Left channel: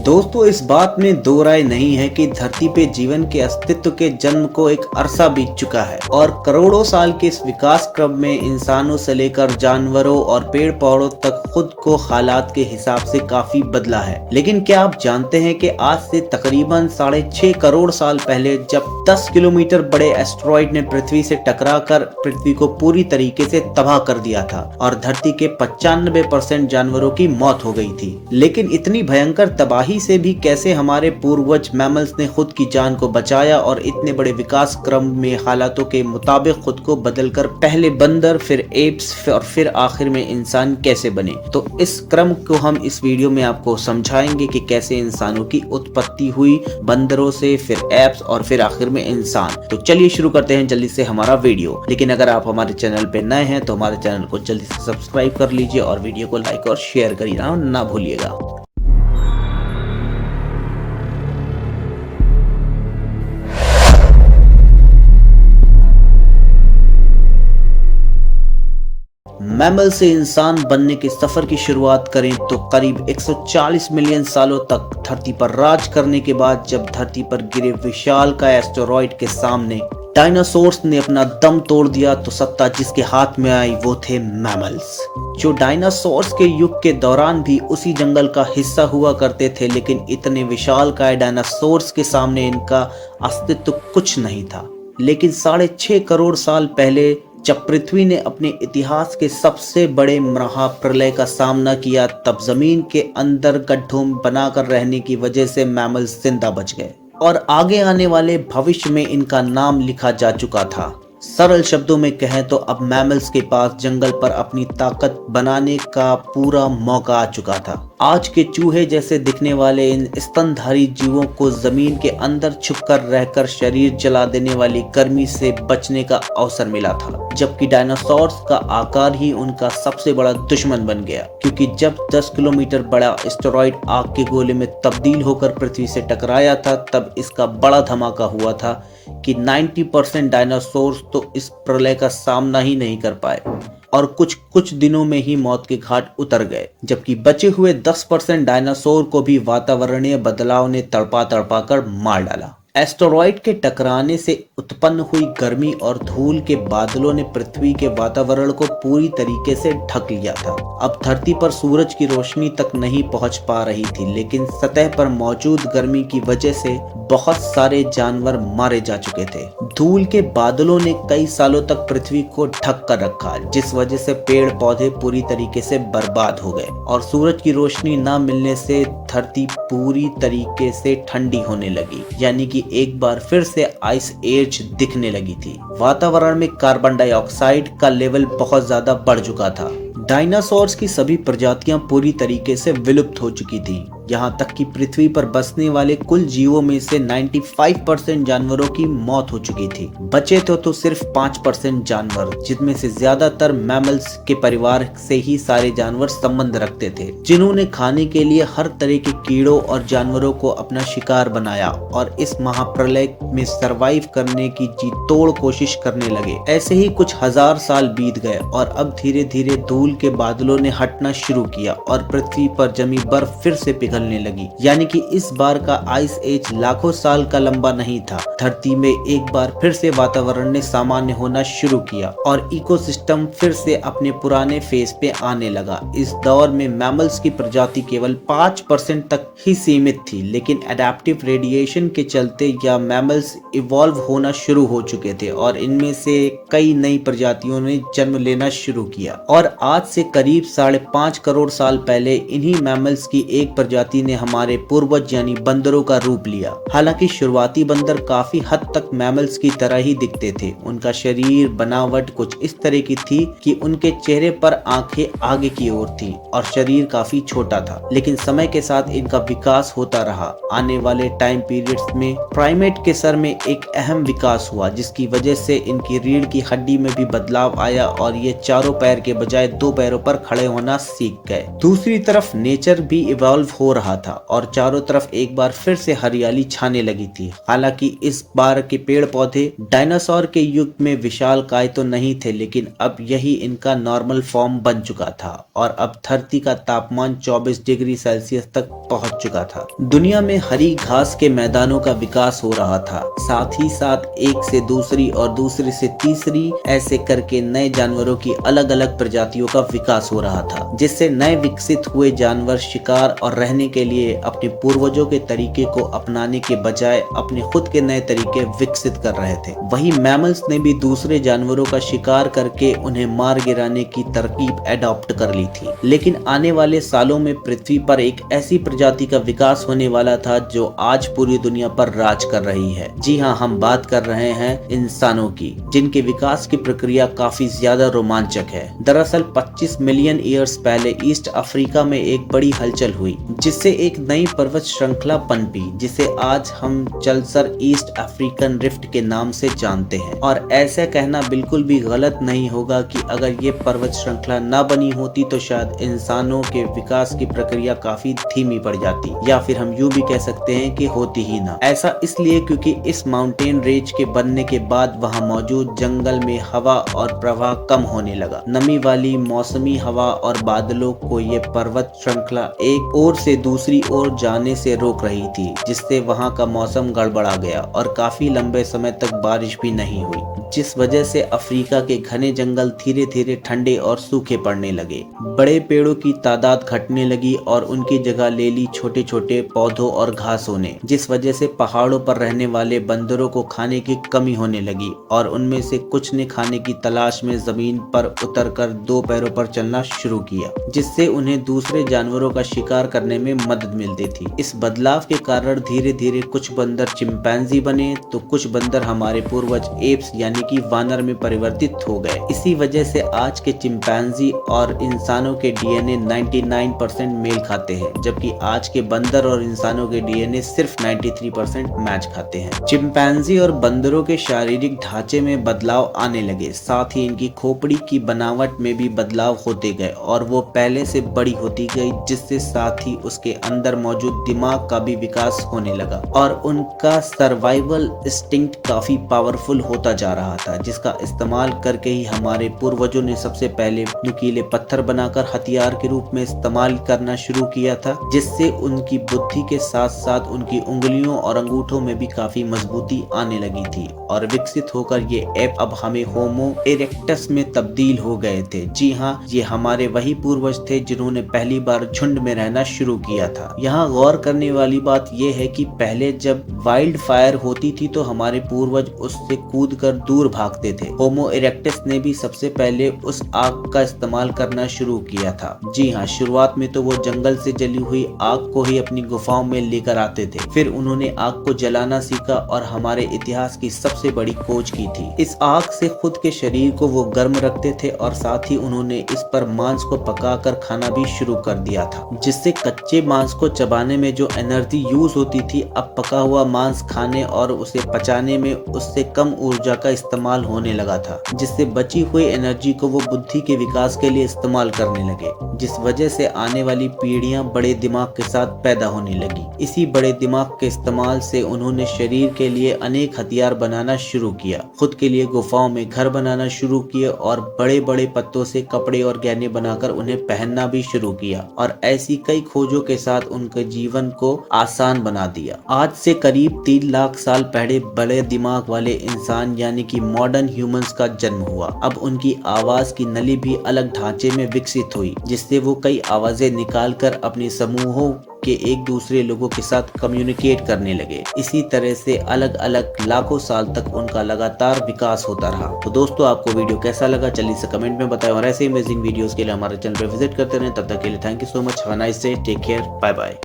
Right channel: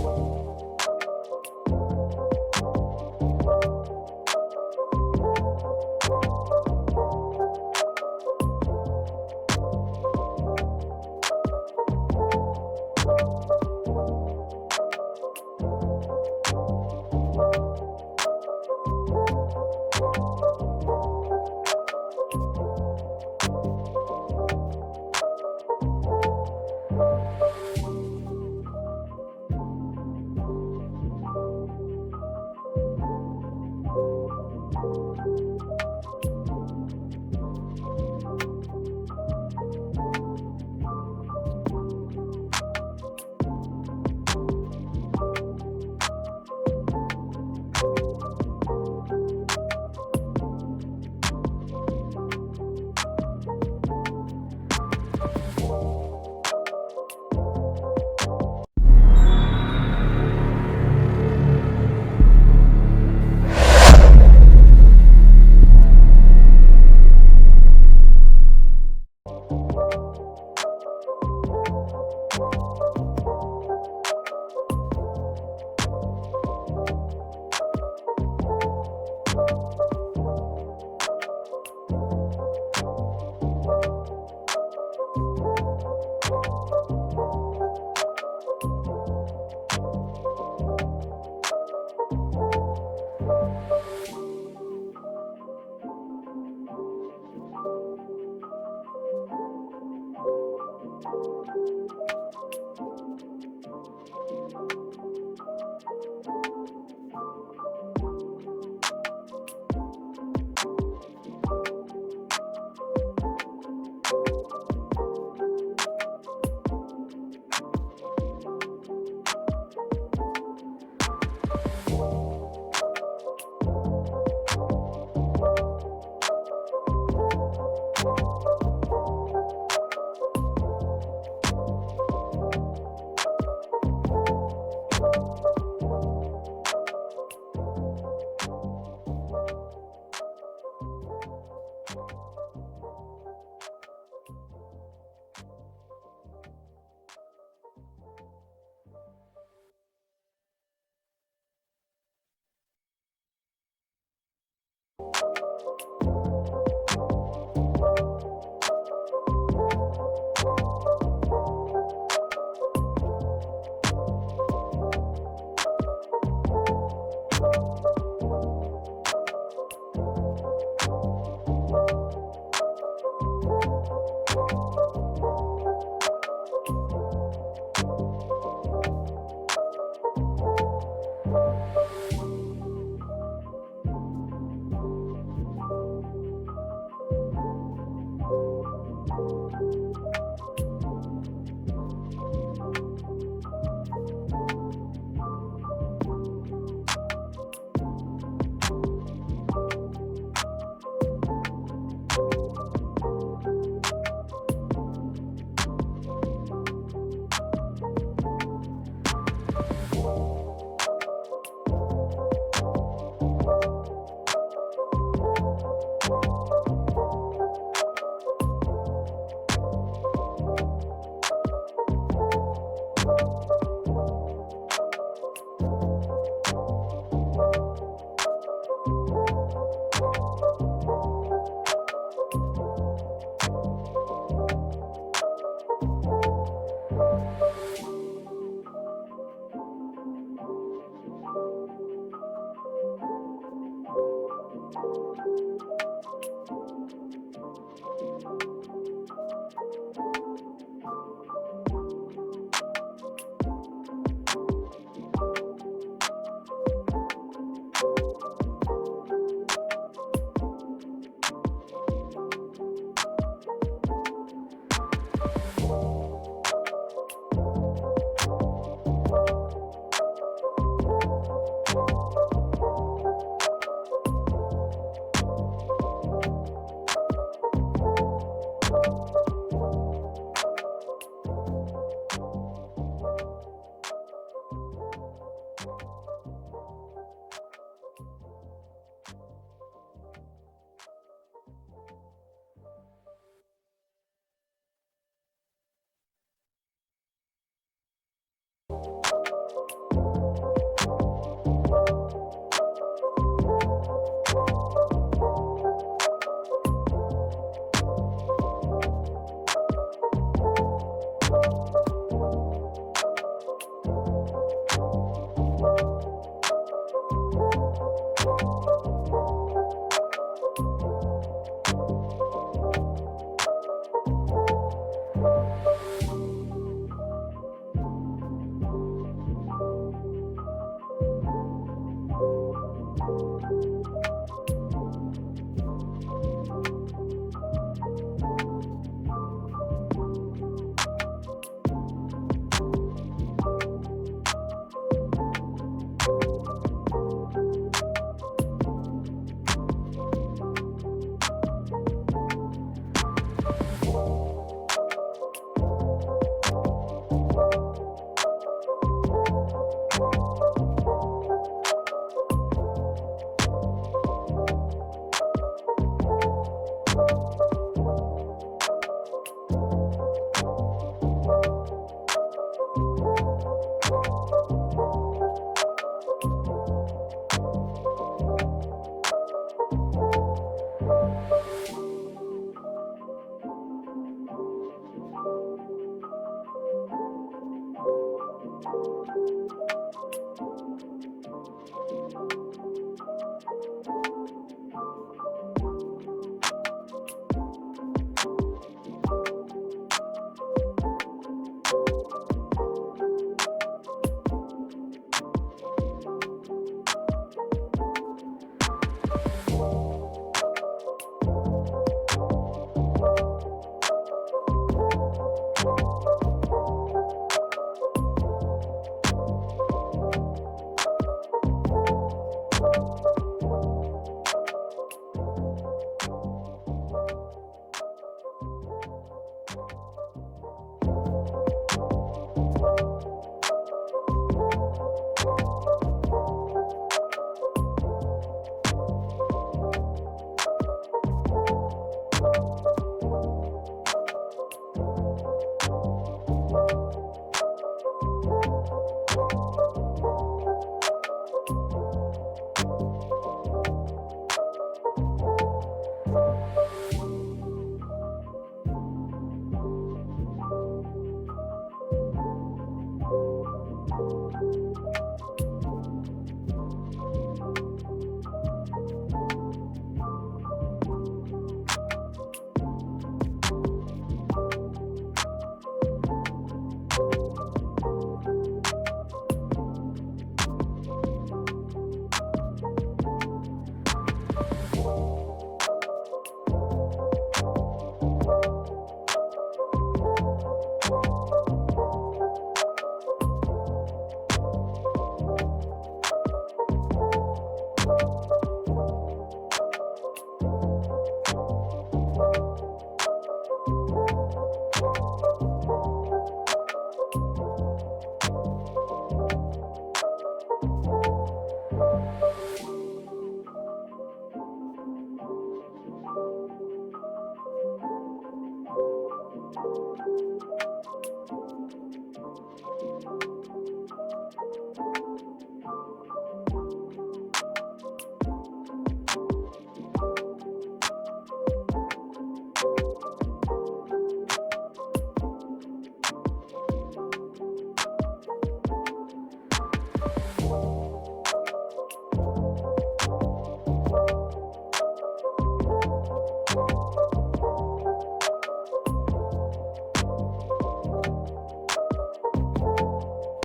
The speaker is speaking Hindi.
दोस्तों, इस बात में दो राय नहीं है कि धरती पे जीवन के अस्तित्व के जन्म को एक अरसा बीत चुका है और करोड़ों साल के इस विकास क्रम में इंसानों से लेकर जानवरों और पेड़ पौधों तक खुद को हालात के हिसाब से काफी बदला है। लेकिन क्या आप जानते हैं कि आज से तकरीबन 6.5 करोड़ साल पहले जब 10 किलोमीटर बड़े एस्टेरॉयड ने पृथ्वी से टकराकर पृथ्वी को पूरी तरीके से तबाह कर दिया था और धरती के 95% जानवरों की मौत हो गई थी। लेकिन इतनी भयंकर तबाही से भी कैसे हमारे पूर्वज मैमल्स ने खुद की जान को बचाया और इतने बड़े विकास क्रम में हालातों के मुताबिक खुद को बदलकर पहले बंदर, फिर एप्स और फिर आखिर में इंसान कैसे बने। तो इस क्रम को हम इस वीडियो में आपको समझाएंगे कि कैसे इंसानों की उत्पत्ति हुई, बंदरों से, फिर एप्स और फिर आखिर में इंसान। तो चलिए शुरू करते हैं जल्दी से हमारा वीडियो। लेकिन अगर आप हमारे चैनल पे नए हैं तो हमारे चैनल को जल्दी से सब्सक्राइब कर लीजिए और वीडियो को लाइक और शेयर करिए ना भूलिएगा। मैमल से इंसान बनने के सफर की शुरुआत करें तो करीब 140 मिलियन सालों तक धरती पर राज करने के बाद जब धरती पर गिरे विशालकाय एस्टेरॉयड के सामने डायनासोर्स ने अपना दम तोड़ दिया तो सत्ता जिसके हाथ में आई वो थे मैमल्स, जो डायनासोर्स के युग के दौरान भी उसी जंगल का हिस्सा हुआ करते थे। लेकिन इतने विशालकाय डायनासोर्स के सामने इनका अस्तित्व कुछ नहीं था। लेकिन 6.5 करोड़ साल पहले जब पृथ्वी ने अपने इतिहास के सबसे बड़े महाप्रलय का सामना किया तब जमीन के अंदर गड्ढों बनाकर रहने की वजह से मैमल्स जिंदा बच गए और आगे आने वाले भविष्य में इनका नाम लिखा जा चुका था। सरल शब्दों में कहें तो अब मैमल्स के पास जंगल पर अपनी ताकत बनाने का पूरा मौका आ चुका था। आज के चूहे जैसे दिखने वाले इन स्तनधारी जीवों को जमीन के अंदर छुपकर रहकर शरीर जला देने वाली गर्मी से बचने का अवसर मिला था, जबकि डायनासोर्स का आकार ही उनका सबसे बड़ा दुश्मन बन गया, क्योंकि जब 10 किलोमीटर बड़ा एस्टेरॉयड आग के गोले में तब्दील होकर पृथ्वी से टकराया था तब इसका बड़ा धमाका हुआ था कि 90% डायनासोर्स तो इस प्रलय का सामना ही नहीं कर पाए और कुछ दिनों में ही मौत के घाट उतर गए, जबकि बचे हुए 10% डायनासोर को भी वातावरणीय बदलाव ने तड़पा कर मार डाला। एस्टेरॉयड के टकराने से उत्पन्न हुई गर्मी और धूल के बादलों ने पृथ्वी के वातावरण को पूरी तरीके से ढक लिया था। अब धरती पर सूरज की रोशनी तक नहीं पहुंच पा रही थी, लेकिन सतह पर मौजूद गर्मी की वजह से बहुत सारे जानवर मारे जा चुके थे। धूल के बादलों ने कई सालों तक पृथ्वी को ढक कर रखा, जिस वजह से पेड़ पौधे पूरी तरीके से बर्बाद हो गए और सूरज की रोशनी न मिलने से धरती पूरी तरीके से ठंडी होने लगी, यानी कि एक बार फिर से आइस एज दिखने लगी थी। वातावरण में कार्बन डाइऑक्साइड का लेवल बहुत ज्यादा बढ़ चुका था। डायनासोर्स की सभी प्रजातियां पूरी तरीके से विलुप्त हो चुकी थी। यहाँ तक कि पृथ्वी पर बसने वाले कुल जीवों में से 95% जानवरों की मौत हो चुकी थी। बचे तो सिर्फ 5% जानवर, जिनमें से ज्यादातर मैमल्स के परिवार से ही सारे जानवर संबंध रखते थे, जिन्होंने खाने के लिए हर तरह के कीड़ों और जानवरों को अपना शिकार बनाया और इस महाप्रलय में सरवाइव करने की जी तोड़ कोशिश करने लगे। ऐसे ही कुछ हजार साल बीत गए और अब धीरे धीरे धूल के बादलों ने हटना शुरू किया और पृथ्वी पर जमी बर्फ फिर से पिघलने लगी, यानी कि इस बार का आइस एज लाखों साल का लंबा नहीं था। धरती में एक बार फिर से वातावरण ने सामान्य होना शुरू किया और इकोसिस्टम फिर से अपने पुराने फेज पे आने लगा। इस दौर में मैमल्स की प्रजाति केवल 5% तक ही सीमित थी, लेकिन एडेप्टिव रेडिएशन के चलते या मैमल्स इवॉल्व होना शुरू हो चुके थे और इनमें से कई नई प्रजातियों ने जन्म लेना शुरू किया। और आज से करीब 5.5 करोड़ साल पहले इन्हीं मैमल्स की एक प्रजाति ने हमारे पूर्वज यानी बंदरों का रूप लिया। हालांकि शुरुआती बंदर काफी हद तक मैमल्स की तरह ही दिखते थे। उनका शरीर बनावट कुछ इस तरह की थी कि उनके चेहरे पर आंखें आगे की ओर थी और शरीर काफी छोटा था। लेकिन समय के साथ इनका विकास होता रहा। आने वाले टाइम पीरियड्स में प्राइमेट के सर में एक अहम विकास हुआ, जिसकी वजह से इनकी रीढ़ की हड्डी में भी बदलाव आया और ये चारों पैर के बजाय 2 पैरों पर खड़े होना सीख गए। दूसरी तरफ नेचर भी इवॉल्व हो रहा था और चारों तरफ एक बार फिर से हरियाली छाने लगी थी। हालांकि इस बार के पेड़ पौधे डायनासोर के युग में विशालकाय तो नहीं थे, लेकिन अब यही इनका नॉर्मल फॉर्म बन चुका था और अब धरती का तापमान 24 डिग्री सेल्सियस तक पहुंच चुका था। दुनिया में हरी घास के मैदानों का विकास हो रहा था, साथ ही साथ एक से दूसरी और दूसरी से तीसरी ऐसे करके नए जानवरों की अलग अलग प्रजातियों का विकास हो रहा था, जिससे नए विकसित हुए जानवर शिकार और रहने के लिए अपने पूर्वजों के तरीके को अपनाने के बजाय अपने खुद के नए तरीके विकसित कर रहे थे। वही मैमल्स ने भी दूसरे जानवरों का शिकार करके उन्हें मार गिराने की तरकीब एडॉप्ट कर ली थी। लेकिन आने वाले सालों में पृथ्वी पर एक ऐसी प्रजाति का विकास होने वाला था जो आज पूरी दुनिया पर राज कर रही है। जी हाँ, हम बात कर रहे हैं इंसानों की, जिनके विकास की प्रक्रिया काफी ज्यादा रोमांचक है। दरअसल 25 मिलियन ईयर्स पहले ईस्ट अफ्रीका में एक बड़ी हलचल हुई, जिससे एक नई पर्वत श्रृंखला पनपी, जिसे आज हम चलसर ईस्ट अफ्रीकन रिफ्ट के नाम से जानते हैं। और ऐसा कहना बिल्कुल भी गलत नहीं होगा कि अगर ये पर्वत श्रृंखला न बनी होती तो शायद इंसानों के विकास की प्रक्रिया काफी धीमी पड़ जाती, या फिर हम यूं भी कह सकते हैं कि होती ही ना। ऐसा इसलिए क्योंकि इस माउंटेन रेंज के बनने के बाद वहां मौजूद जंगल में हवा और प्रवाह कम होने लगा। नमी वाली मौसमी हवा और बादलों को ये पर्वत श्रृंखला एक ओर से दूसरी ओर जाने से रोक रही थी, जिससे वहां का मौसम गड़बड़ा गया और काफी लंबे समय तक बारिश भी नहीं हुई, जिस वजह से अफ्रीका के घने जंगल धीरे धीरे ठंडे और सूखे पड़ने लगे। बड़े पेड़ों की तादाद घटने लगी और उनकी जगह ले ली छोटे छोटे पौधों और घासों ने, जिस वजह से पहाड़ों पर रहने वाले बंदरों को खाने की कमी होने लगी और उनमें से कुछ ने खाने की तलाश में जमीन पर उतरकर दो पैरों पर चलना शुरू किया, जिससे उन्हें दूसरे जानवरों का शिकार करने में मदद मिलती थी। इस बदलाव के कारण धीरे धीरे कुछ बंदर चिंपैंजी बने तो कुछ बंदर हमारे पूर्वज एप्स यानी कि वानर में परिवर्तित हो गए। इसी वजह से आज के चिंपैंजी और इंसानों के डीएनए 99% मेल खाते हैं, जबकि आज के बंदर और इंसानों के डीएनए सिर्फ 93% मैच खाते हैं। चिंपैंजी और बंदरों के शारीरिक ढांचे में बदलाव आने लगे, साथ ही इनकी खोपड़ी की बनावट में भी बदलाव होते गए और वो पहले से बड़ी होती गई, जिससे साथ ही उसके अंदर मौजूद दिमाग का भी विकास होने लगा और उनका सर्वाइवल इंस्टिंक्ट काफी पावरफुल होता जा रहा था, जिसका इस्तेमाल करके ही हमारे पूर्वजों ने सबसे पहले नुकीले पत्थर बनाकर हथियार के रूप में इस्तेमाल करना शुरू किया था, जिससे उनकी बुद्धि के साथ साथ उनकी उंगलियों और अंगूठों में भी काफी मजबूती आने लगी थी और विकसित होकर ये ऐप अब हमें होमो इरेक्टस में तब्दील हो गए थे। जी हाँ, ये हमारे वही पूर्वज थे जिन्होंने पहली बार झुंड में रहना शुरू किया था। यहाँ गौर करने वाली बात यह है कि पहले जब वाइल्ड फायर होती थी तो हमारे पूर्वज उससे कूदकर दूर भागते थे। होमो इरेक्टस ने भी सबसे पहले उस आग का इस्तेमाल करना शुरू किया था। जी हाँ, शुरुआत में तो वो जंगल से जली हुई आग को ही अपनी गुफाओं में लेकर आते थे, फिर उन्होंने आग को जलाना सीखा और हमारे इतिहास की सबसे बड़ी खोज की थी। इस आग से खुद के शरीर को वो गर्म रखते थे और साथ ही उन्होंने इस पर मांस को पकाकर खाना भी शुरू कर दिया था, जिससे कच्चे मांस को चबाने में जो एनर्जी यूज होती थी, अब पका हुआ मांस खाने और उसे पचाने में उससे कम ऊर्जा का इस्तेमाल होने लगा था, जिससे बची हुई एनर्जी को वो बुद्धि के विकास के लिए इस्तेमाल करने लगे, जिस वजह से आने वाली पीढ़ियां बड़े दिमाग के साथ पैदा होने लगी। इसी बड़े दिमाग के इस्तेमाल से उन्होंने शरीर के लिए अनेक हथियार बनाना शुरू किया, खुद के लिए गुफाओं में घर बनाना शुरू किए और बड़े बड़े पत्तों से कपड़े और गहने बनाकर उन्हें पहनना भी शुरू किया और ऐसी कई खोजों के साथ उनके जीवन को आसान बना दिया। आज से करीब 3 लाख साल पहले बड़े दिमाग वाले इंसान यानी कि मॉडर्न ह्यूमंस का जन्म हुआ। अब उनकी आवाज की नली भी अलग ढांचे में विकसित हुई, जिससे वो कई आवाजें निकालकर अपने समूहों के एक दूसरे लोगों के साथ कम्युनिकेट करने लगे। इसी तरह से अलग अलग लाखों साल तक उनका लगातार विकास होता रहा। तो दोस्तों, आपको वीडियो कैसा लगा जल्दी से कमेंट में बताएं और ऐसे अमेजिंग वीडियोस के लिए हमारे चैनल पर विजिट करते रहें। तब तक के लिए thank you so much, have a nice day, take care, bye bye.